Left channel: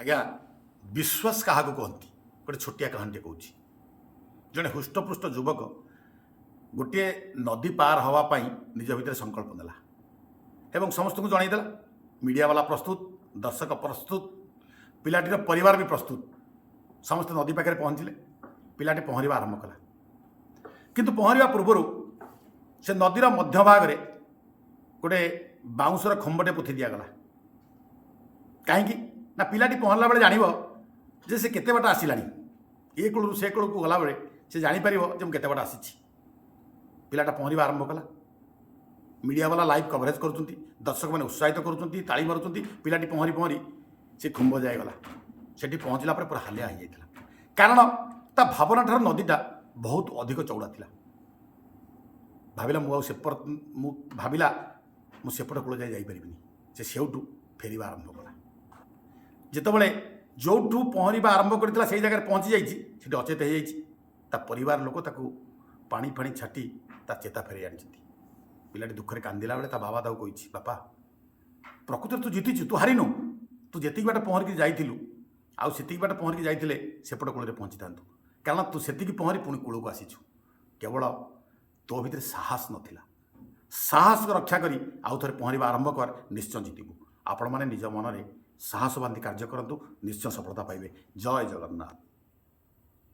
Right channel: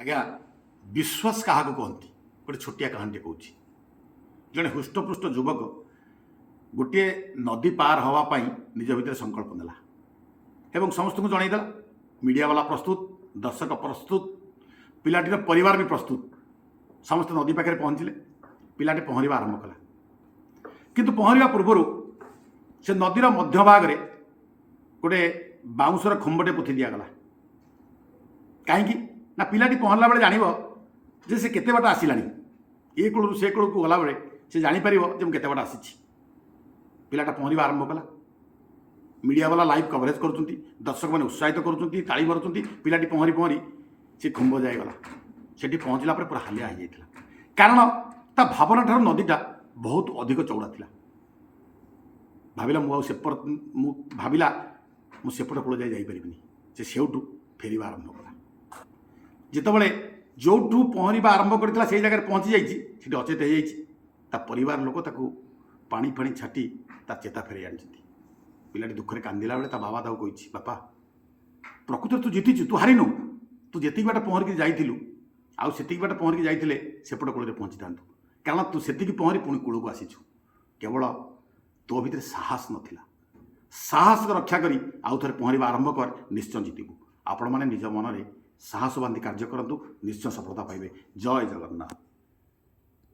आज्ञा विश्वास क्या कहती गोटे छोटिया कहानी कहूँ जड़े हृष्टपृष्ट युवक गोटे नदी पार हाँवाई निज भितर संकल्प नेला एवं समस्त को जनईदेला मीडिया वाला प्रस्तुत दर्शक प्रस्तुत पिलाटीर परिवार भी प्रस्तुत समस्त नदी पाखे पहुँचले पिलाटी पहरवा आरंभ कला किंतु पहरवा पूर्वर से नदीर मध्य भाग में गोटे बाउंसर खंबटे पोथी दिगला कहीं ना पिलाटी पहरला बेले जान जे से केते बाट आसिलानी ए कूलू से कूल को गला बेले से जापर जे मुझे बाट आसी पिलाटा पहरवा आरंभ कला मीडिया वाला लाइव कवरेज कर दर्शक मैंने उत्साहित कर ताली मारुंट पिलाटी पहरी पहरी से खुंब जाएगला से पहुँचला पूरा हालिया हो जाता कारण ता भावना ठार नदीटा बहुत अधिक चौड़ा था भाविला भाविला मुझेपट कूल जापरि से सेठू फेर आरंभ कला जितेबाला जो पहरवा आरंभ करता से जगह पहुँची जाइए अचेत हो परिवार लोक पानी फाणी छाटी चेता फेर आनी पिलाटी दुखरे कांदिला बेले बाबा ताऊ कही बापा प्रकृत तू जीति तू हारिनु तू जी बाट पहरिकी जाइलु आउ से बाट पहरिकी जाइए सेपट कूल पहुँची था कारण तू से पहरी पुणी कूल को आसीचु केवल तो भीतर साहस नाला साहस रक्षा करी आउ थे पहरवा आरंभ कर निश्चय जीतबू आपण मैंने निज मन में साहस बांधी कार्य करूँ निश्चय सफलता पाइबे। जय जगन्नाथ।